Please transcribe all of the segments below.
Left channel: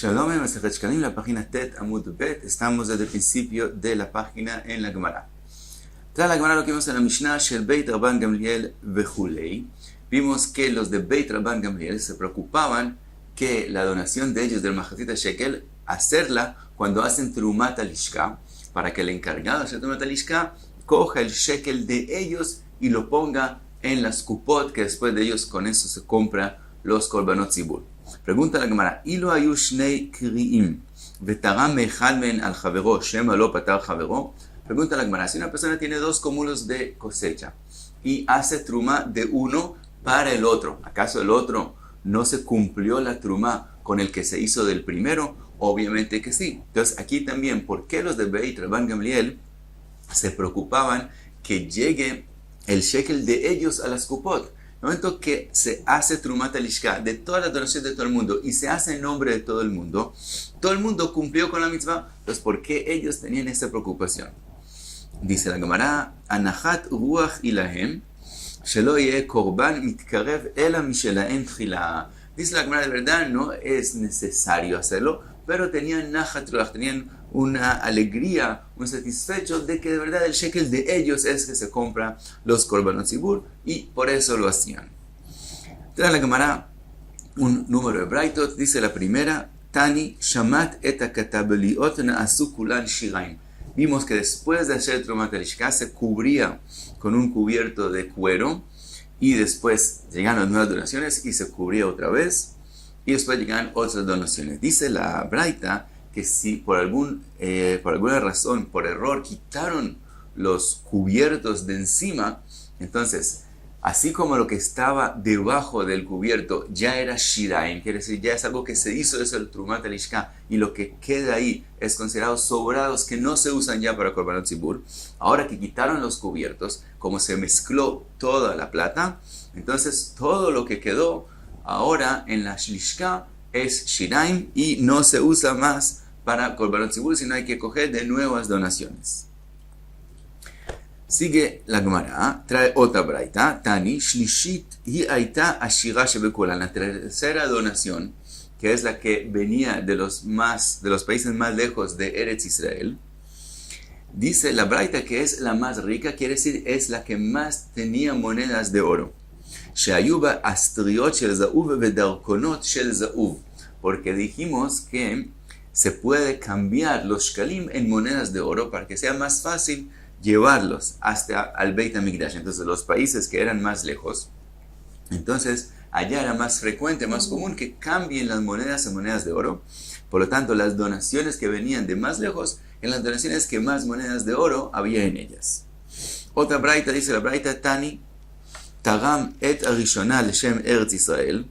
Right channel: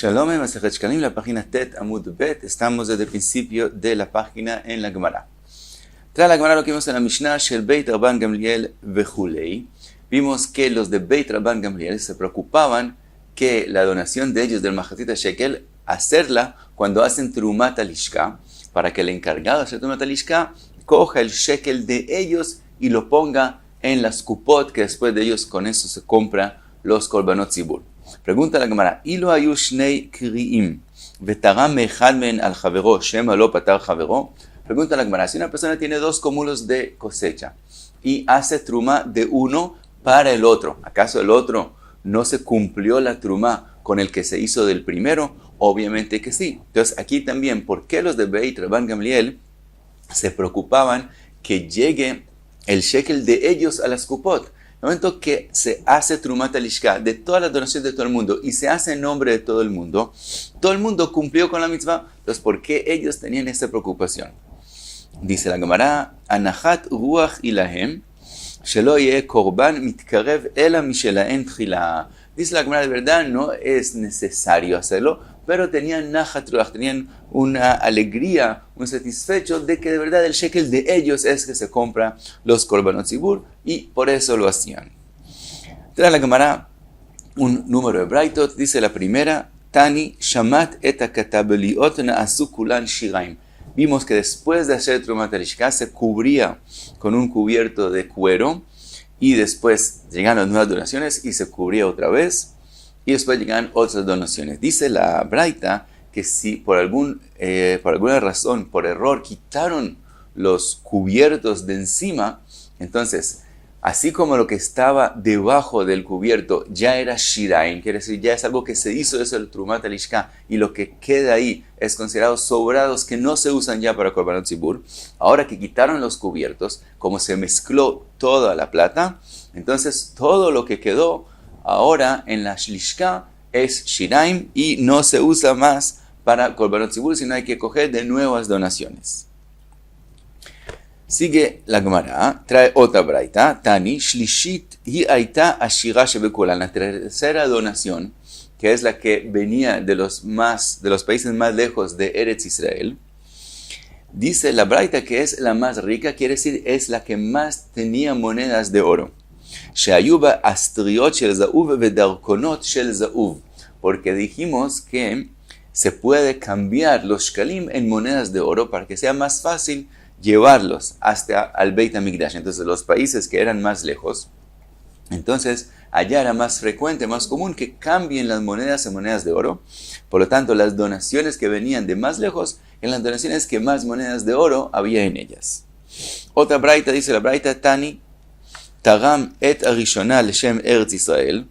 Shalom, Masejet Shkalim, la página Tet Amud Bet. Estamos desde el principio de la página en la Gemara. Tras la Gemara lo que vimos en la Mishnah, Shel Beit Rabban Gamliel Vejulei. Vimos que los de Beit Rabban Gamliel se preocupaban que la donación de ellos del Mahatita Shekel, hacerla cuando hacen Trumat Alishka, para que el encargado de hacer Trumat Alishka coja el Shekel de ellos y lo ponga en las kupot, que después de ellos con eso se compra los Korbanot Zibur. Pregunta la Gemara, Ilo ayu shnei kri'im vetaram echad men al javero shema lo patar javero. Pregunta la Gemara, si una persona tiene dos cúmulos de cosecha y hace truma de uno para el otro, ¿acaso el otro no se cumplió la truma con el que se hizo del primero? Obviamente que sí. Entonces aquí también, ¿por qué los de Beit Rabban Gamliel se preocupaban que llegue el shekel de ellos a las kupot? En el momento que se hace Trumat Alishka de todas las donaciones de todo el mundo y se hace en nombre de todo el mundo cumplió con la mitzvah. Entonces, ¿por qué ellos tenían esta preocupación? Dice la Gemara, Anahat ruach ilahem, shelo yeh korban mitkarev ela mishelaen tchila. Dice la Gemara, de verdad no es necesario hacerlo, pero tenían nachat ruach, tenían una alegría, un satisfecho de que de verdad el shekel de ellos es que se compra los korbanot zibur y por eso lo hacían. Trae la Gemara un número de braitot, dice la primera, Tani shamat et hakatabeliot na'asu kulan shiraim. Vimos que después de hacer Trumat Alishka se cubría con un cubierto de cuero y después llegaron las nuevas donaciones y se cubría otra vez y después llegan otras donaciones. Dice la braita que si por alguna razón, por error, quitaron los cubiertos de encima, entonces, así como lo que estaba debajo del cubierto ya era shiraim, quiere decir, ya es algo que se hizo desde el Trumat Alishka, y lo que queda ahí es considerado sobrados que no se usan ya para Korbanot Zibur. Ahora que quitaron los cubiertos, como se mezcló toda la plata, entonces todo lo que quedó ahora en la Shlishka es shiraim y no se usa más para Korbanot Zibur, sino hay que coger de nuevas donaciones. Sigue la Gemara, trae otra braita, Tani, Shlishit, hi aita ashira shebekulan. La tercera donación, que es la que venía de los países más lejos de Eretz Israel, dice la braita que es la más rica, quiere decir es la que más tenía monedas de oro. Sheayuba astriot shel zauv vedarkonot shel zauv, porque dijimos que se puede cambiar los shkalim en monedas de oro para que sea más fácil llevarlos hasta al Beit HaMikdash. Entonces los países que eran más lejos, entonces allá era más frecuente, más común que cambien las monedas en monedas de oro. Por lo tanto, las donaciones que venían de más lejos eran las donaciones que más monedas de oro había en ellas. Otra braita, dice la braita, Tani, Taram et arishona leshem Eretz Israel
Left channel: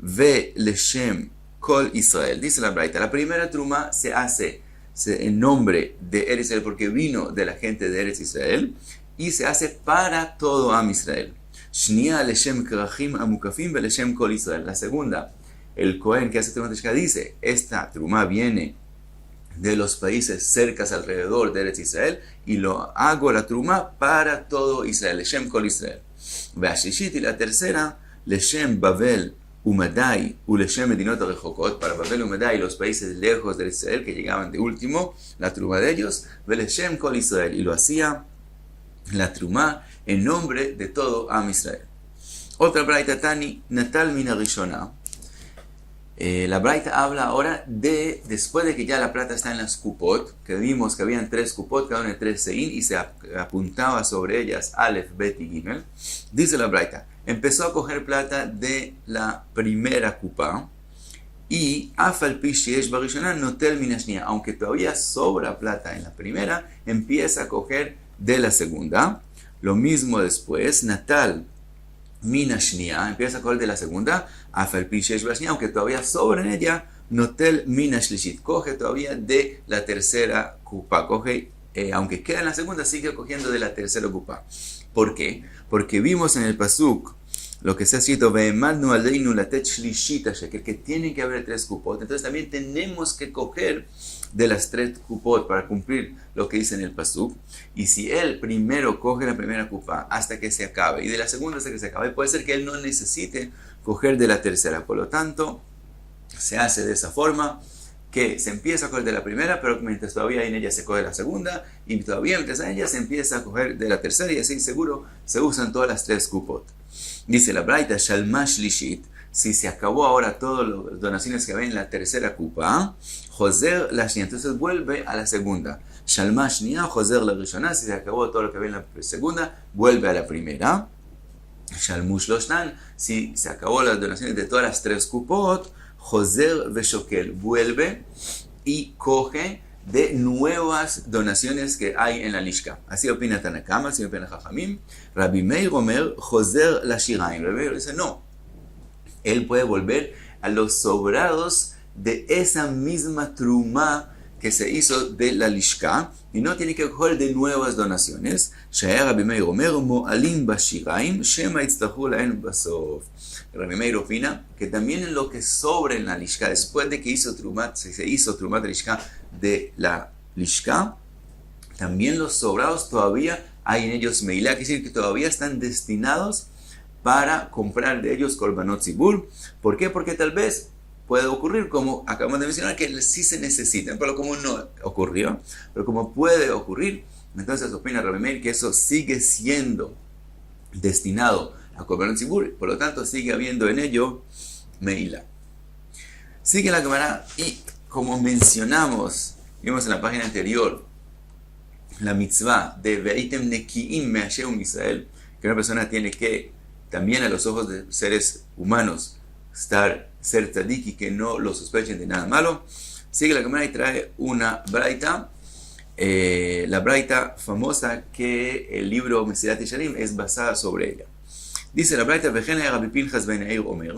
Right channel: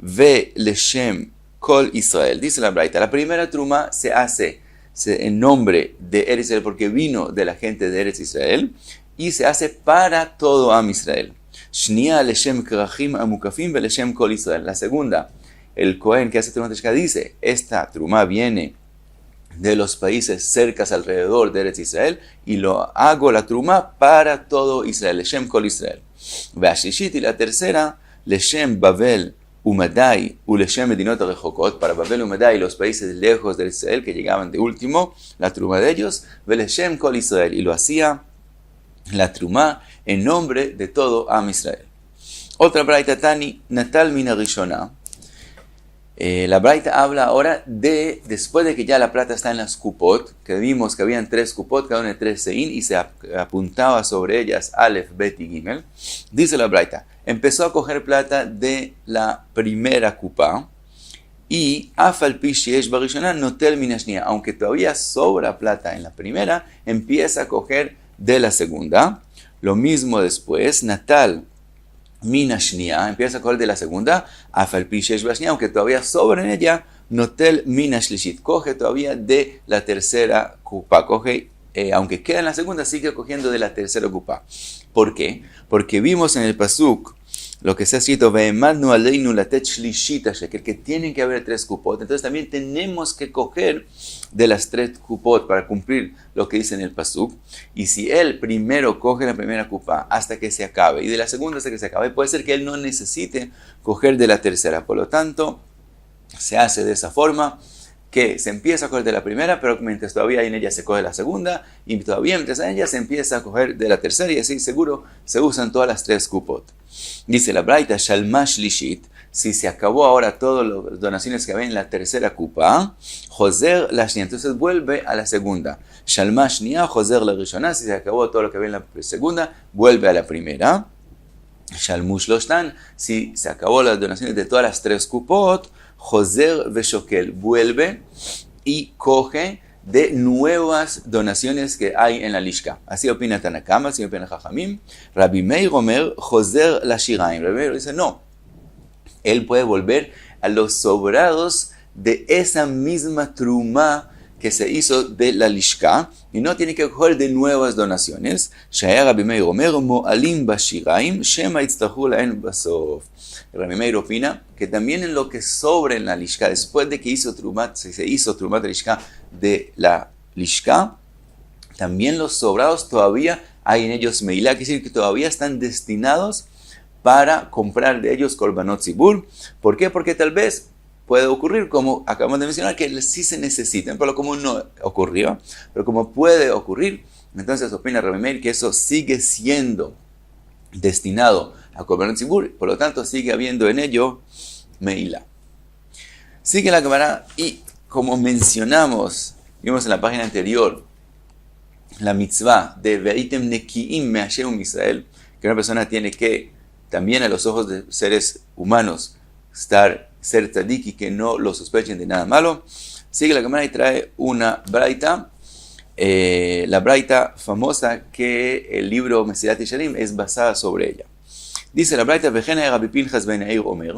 ve leshem Kol Israel. Dice la braita, la primera truma se hace en nombre de Eretz Israel porque vino de la gente de Eretz Israel y se hace para todo Am Israel. Shnia leshem krachim amukafim ve leshem Kol Israel. La segunda, el Cohen que hace Trumat Alishka dice, esta truma viene de los países cercas alrededor de Eretz Israel y lo hago la truma para todo Israel, leshem Kol Israel. Ve'ashishit, y la tercera, leshem Babel Umadai, Uleshem Medinot Rejokot, para Babel Umadai, los países lejos de Israel que llegaban de último, la truma de ellos, Veleshem Kol Israel, y lo hacía la truma en nombre de todo Am Israel. Otra braita, Tani, Natal Mina Rishona. La braita habla ahora de, después de que ya la plata está en las kupot, que vimos que habían 3 kupot, cada una de 3 sein, y se apuntaba sobre ellas Aleph, Bet y Gimel. Dice la braita, empezó a coger plata de la primera kupa, y Afal Pi Sheyesh Barishona Notel Mina Shnia, aunque todavía sobra plata en la primera, empieza a coger de la segunda. Lo mismo después, Natal Mina Shnia, empieza a coger de la segunda, Afal Pi Sheyesh Barishona, aunque todavía sobra en ella, Notel Mina Shlishit, coge todavía de la tercera kupa, coge, aunque queda en la segunda, sigue cogiendo de la tercera kupa. ¿Por qué? Porque vimos en el pasuk lo que se ha escrito, Ve'emadnu aleinu latet shlishit shekel, que tienen que haber 3 kupot. Entonces también tenemos que coger de las 3 kupot para cumplir lo que dice en el pasuk. Y si él primero coge la primera kupa hasta que se acabe, y de la segunda hasta que se acabe, puede ser que él no necesite coger de la tercera. Por lo tanto, Se hace de esa forma que se empieza a coger de la primera, pero mientras todavía hay en ella se coge la segunda, y todavía mientras en ella se empieza a coger de la tercera, y así seguro se usan todas las tres kupot. Dice la Braita, Shalmash Lishit, si se acabó ahora todas las donaciones que había en la tercera kupa, Joser la Shnia, entonces vuelve a la segunda. Shalmash Shnia, Joser la Rishonah, si se acabó todo lo que había en la segunda, vuelve a la primera. Shalmush Loshtan, si se acabó las donaciones de todas las tres kupot, Joser Veshokel, vuelve y coge de nuevas donaciones que hay en la Lishka. Así opina Tanakama, así opina Jajamim. Rabbi Meir Omer, Joser la Shiraim. Rabbi Meir dice, no, él puede volver a los sobrados de esa misma truma que se hizo de la Lishka, y no tiene que coger de nuevas donaciones. Rabbi Meir opina que también en lo que sobra en la Lishka, después de que se hizo Trumat de Lishka de la Lishka, también los sobrados todavía hay en ellos Meilá, quiere decir que todavía están destinados para comprar de ellos Korbanot Zibur. ¿Por qué? Porque tal vez puede ocurrir, como acabamos de mencionar, que sí se necesitan, pero como no ocurrió, pero como puede ocurrir, entonces opina Rabbi Meir que eso sigue siendo destinado a Korbanot Zibur, por lo tanto sigue habiendo en ello Meilá. Sigue la Gemara y como mencionamos, vimos en la página anterior, la mitzvah de Veitem Nekiim Me'Hashem Israel, que una persona tiene que, también a los ojos de seres humanos, ser tzadik y que no lo sospechen de nada malo. Sigue la Gemara y trae una braita, la braita famosa que el libro Mesilat Yesharim es basada sobre ella. Dice la braita, Vejena Rabbi Pinchas ben Yair Omer,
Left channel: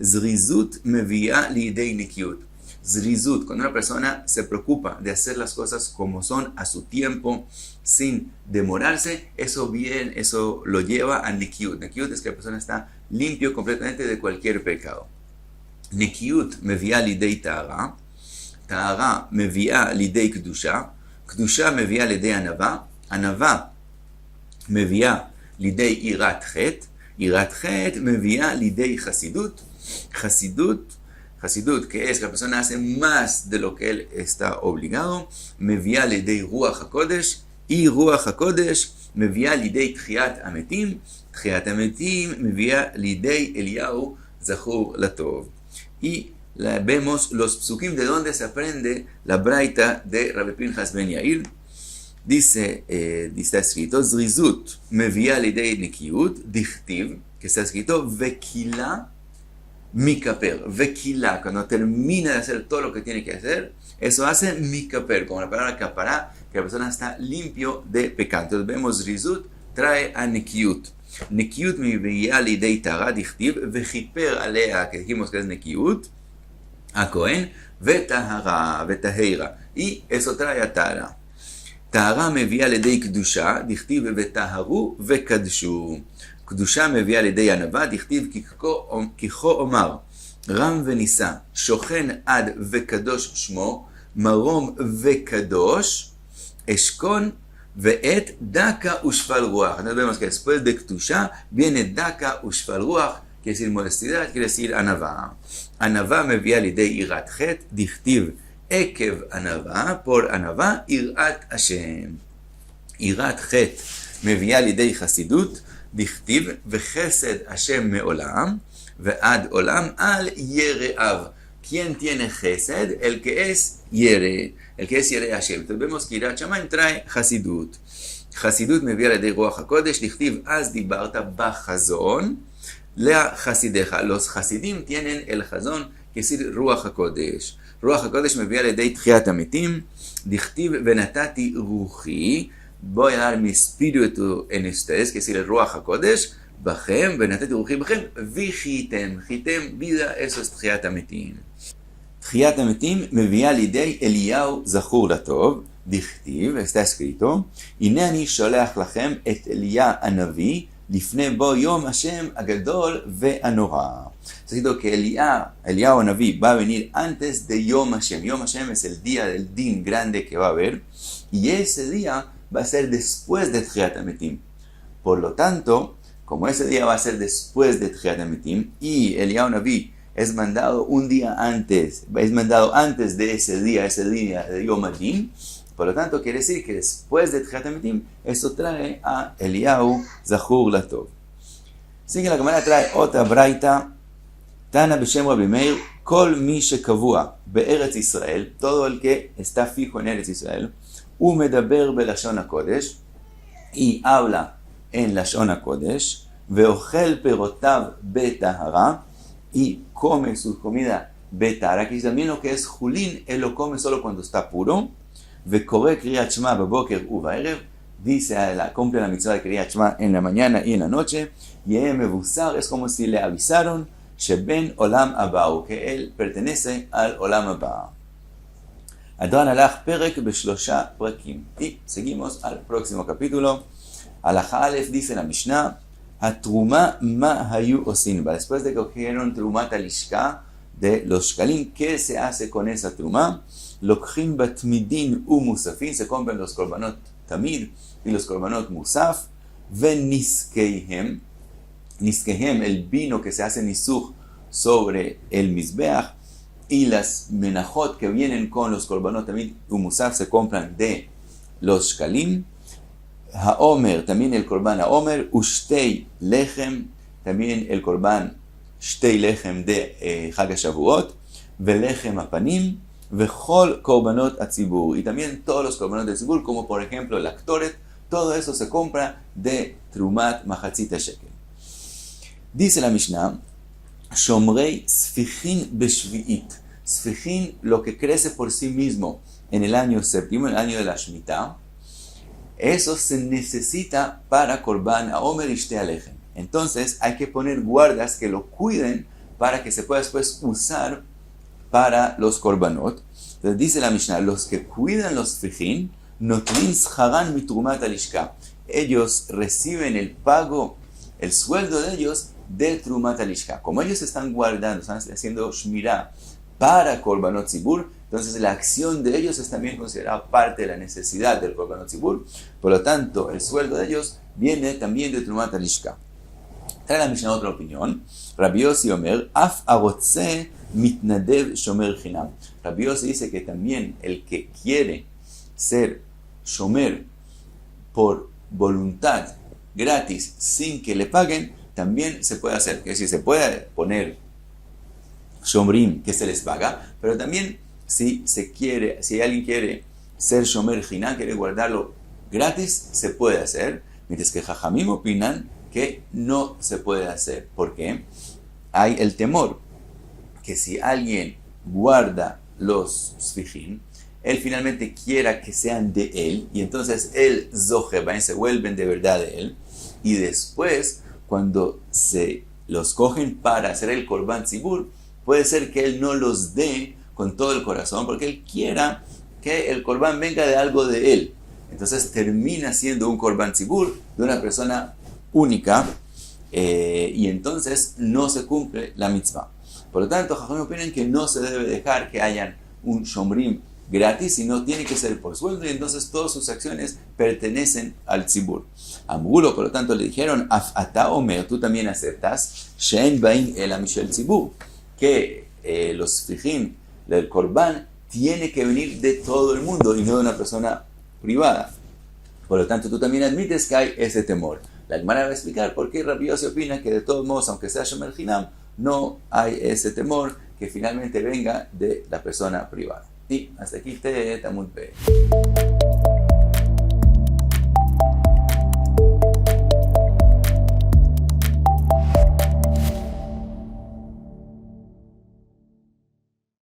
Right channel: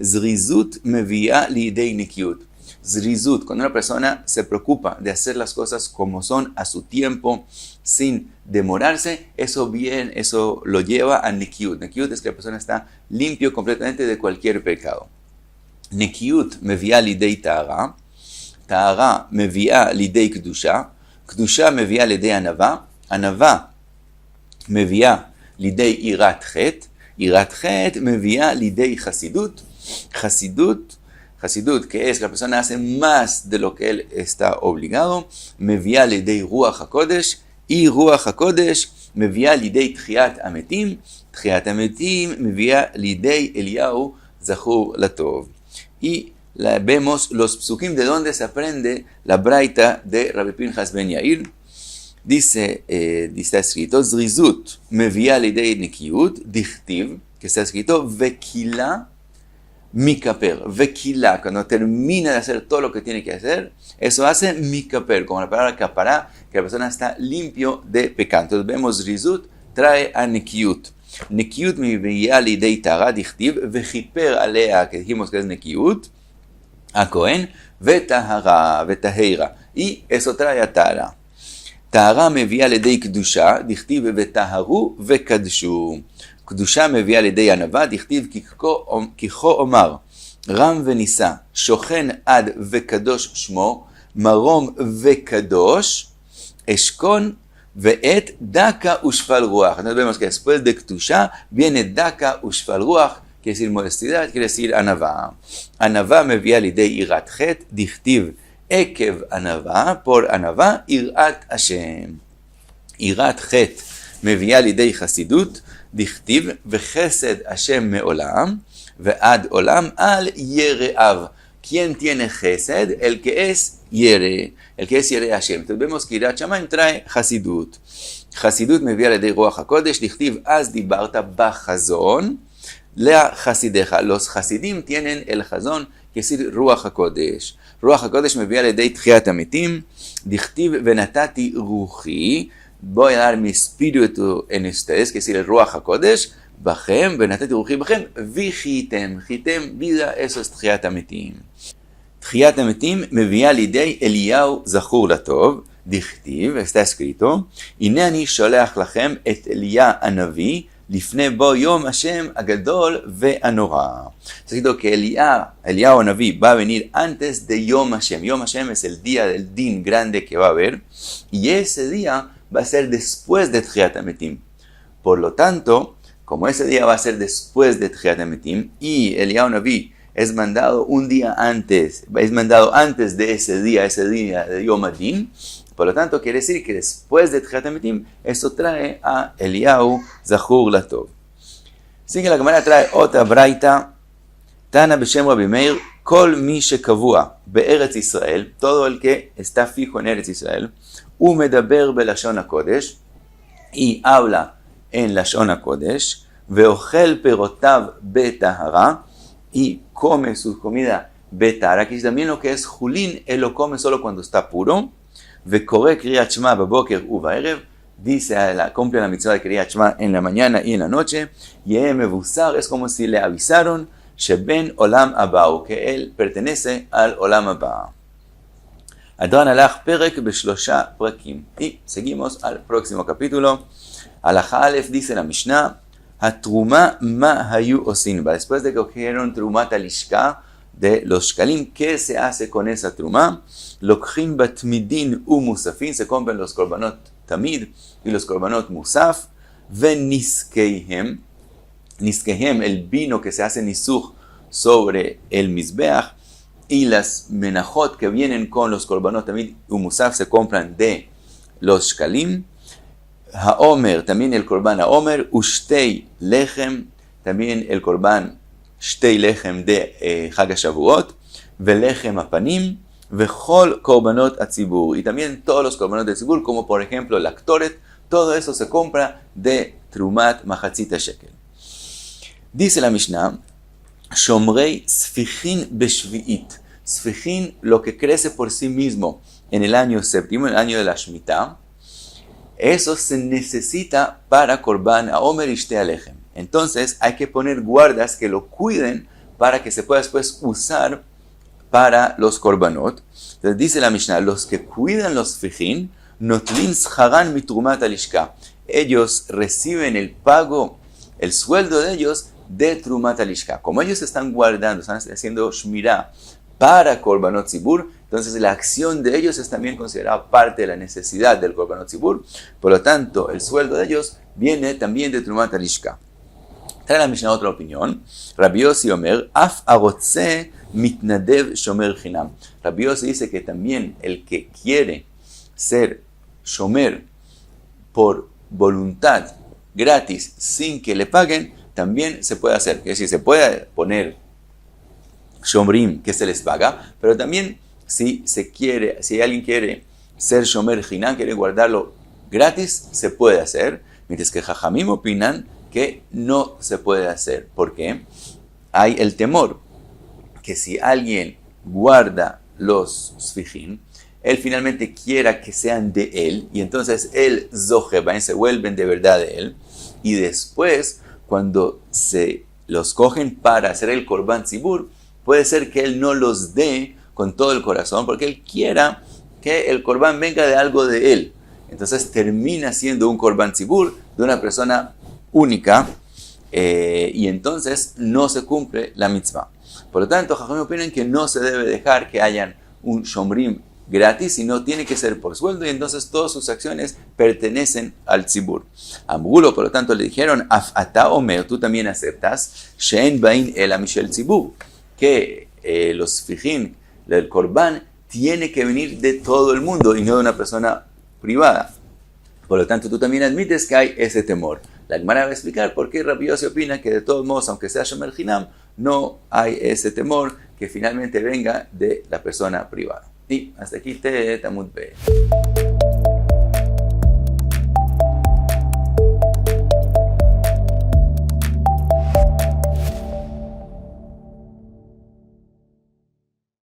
Zrizut mevia lidei nekiut. Zrizut, cuando una persona se preocupa de hacer las cosas como son, a su tiempo, sin demorarse, eso lo lleva a nekiut. Nekiut es que la persona está limpio completamente de cualquier pecado. Nekiut mevia lidei ta'ara, ta'ara mevia lidei kedusha, kedusha mevia lidei anava, anava mevia lidei irat chet, irat chet mevia lidei chasidut, Hasidut, que es que la persona hace más de lo que él está obligado, mevia lidei Ruach HaKodesh, y Ruach HaKodesh mevia lidei Tchiat Ametim, Tchiat Ametim mevia lidei Eliyahu Zachur Latov. Y vemos los psukim de donde se aprende la braita de Rabbi Pinchas ben Yair. Dice, está escrito, Zrizut mevia lidei Nekiut, dichtiv, que está escrito, Vekila Mikaper, Vekila, cuando termina de hacer todo lo que tiene que hacer, eso hace Mikaper, como la palabra kapará, que la persona está limpio de pecado. Entonces vemos Rizut trae a Nekiut. Nekiut mi veía lidei tara dichtiv, vejiper alea, que dijimos que es Nekiut, a Cohen, vetahara, vetaheira, y eso trae a Tara. Tara me veía lidei kedusha, dichtiv vetaharu, vekadshu. קדושה מביאה לידי ענווה, דכתיב כיכו אומר, רם ונישא, שוכן עד וקדוש שמו, מרום וקדוש, אשכון ואת דקה ושפל רוח. Entonces vemos que después de קדושה viene דקה ושפל רוח, quiere decir modestidad, quiere decir ענווה. ענווה מביאה לידי יראת חטא, דכתיב עקב ענווה, por ענווה, יראת השם. יראת חטא מביאה לידי חסידות, דכתיב וחסד השם מעולם ועד עולם al yereav. ¿Quién tiene chesed? El que es yere, el que es yere Hashem. Entonces vemos que Yirat Shamayim trae Hasidut. Hasidut מביאה לידי רוח הקודש, דכתיב אז דיברת בחזון לחסידיך. Los חסידים tienen el חזון, que es רוח הקודש. רוח הקודש מביאה לידי תחיית המתים, דכתיב ונתתי רוחי, voy a dar mi espíritu en ustedes, que es el Ruach HaKodesh, Bachem, Benatati Ruchi Bachem, Vichitem, Chitem, vida, eso es Tchiat HaMetim. Tchiat HaMetim מביאה לידי אליהו זכור לטוב, דכתיב, está escrito, הנני שולח לכם את אליה הנביא, לפני בוא יום השם הגדול והנורא. Está escrito que Eliyahu Naví va a venir antes de Yom Hashem. Yom Hashem es el día del din grande que va a haber, y ese día va a ser después de Tchiat HaMetim. Por lo tanto, como ese día va a ser después de Tchiat HaMetim y Eliyahu Naví es mandado un día antes, es mandado antes de ese día de Yom Adin. Por lo tanto, quiere decir que después de Tchiat HaMetim, esto trae a Eliyahu Zachur Latov. Sigue la Gemara, trae otra braita. Tana B'Shem Rabbi Meir, Kol Mi Shekavua Be'eretz Israel, todo el que está fijo en Eretz Israel, Umedaber Belashon HaKodesh, y habla en Lashon HaKodesh, Veochel Perotav Betahara, y come su comida Betahara, que es también lo que es Julín, él lo come solo cuando está puro, Vekore Kriyat Shema Baboker Uvaerev, dice, cumple la mitzvah de Kriyat Shema en la mañana y en la noche, Yehe Mevusar, es como si le avisaron, Sheben Olam Abau, que él pertenece al Olam Abau. Adran Alach Perek Beshlosha Prakim. Y seguimos al próximo capítulo. Alajá Aleph dice la Mishnah, Hatruma Ma Hayu Osinba. Después de que cogieron Trumat Alishka de los Shkalim, ¿qué se hace con esa Truma? Lokhin Batmidin U Musafin, se compran los Korbanot Tamid y los Korbanot Musaf, Veniskeihem, Niskehem, el vino que se hace nisuch sobre el Mizbeach, y las menajot que vienen con los korbanot tamid u musaf se compran de los shkalim. Haomer, también el korban haomer, ushtei lechem, también el korban shtei lechem de Chag HaShavuot, velechem apanim, vechol korbanot atzibur, y también todos los korbanot de tzibur, como por ejemplo la ktoret, todo eso se compra de trumat machatzit shekel. Dice la Mishnah, Shomrei Sfichin Beshvi'it. Sfichin, lo que crece por sí mismo en el año séptimo, el año de la Shemitah, eso se necesita para Korban Haomer y Shtei Alechem. Entonces hay que poner guardas que lo cuiden para que se pueda después usar para los Korbanot. Entonces dice la Mishnah, los que cuidan los Sfichin, Notlin Scharan Mitrumat Alishka. Ellos reciben el pago, el sueldo de ellos, de Trumat Alishka. Como ellos están guardando, están haciendo Shmirah para Korbanot Zibur, entonces la acción de ellos es también considerada parte de la necesidad del Korbanot Zibur. Por lo tanto, el sueldo de ellos viene también de Trumat Alishka. Trae la Mishnah otra opinión. Rabbi Yossi Omer, Af Arotze Mitnadev Shomer Chinam. Rabbi Yossi dice que también el que quiere ser Shomer por voluntad, gratis, sin que le paguen, también se puede hacer. Es decir, se puede poner shomrim que se les paga, pero también si alguien quiere ser shomer jinam, quiere guardarlo gratis, se puede hacer. Mientras que jajamim opinan que no se puede hacer. ¿Por qué? Hay el temor que si alguien guarda los sfijim, él finalmente quiera que sean de él, y entonces él zoheba, se vuelven de verdad de él, y después cuando se los cogen para hacer el Korban Zibur, puede ser que él no los dé con todo el corazón, porque él quiera que el Korban venga de algo de él. Entonces termina siendo un Korban Zibur de una persona única, y entonces no se cumple la mitzvah. Por lo tanto, Jajamim opinan que no se debe dejar que hayan un shomrim gratis, sino tiene que ser por sueldo, y entonces todas sus acciones pertenecen al tzibur. A Mugulo, por lo tanto, le dijeron, Afata Omer, tú también aceptas, Shein Bain el Amishel Tzibur, que los fijim del Korban tiene que venir de todo el mundo y no de una persona privada. Por lo tanto, tú también admites que hay ese temor. La Gemara va a explicar por qué Rabbi Yossi opina que de todos modos, aunque sea Shomer Jinam, no hay ese temor que finalmente venga de la persona privada. Y hasta aquí te Tamud P.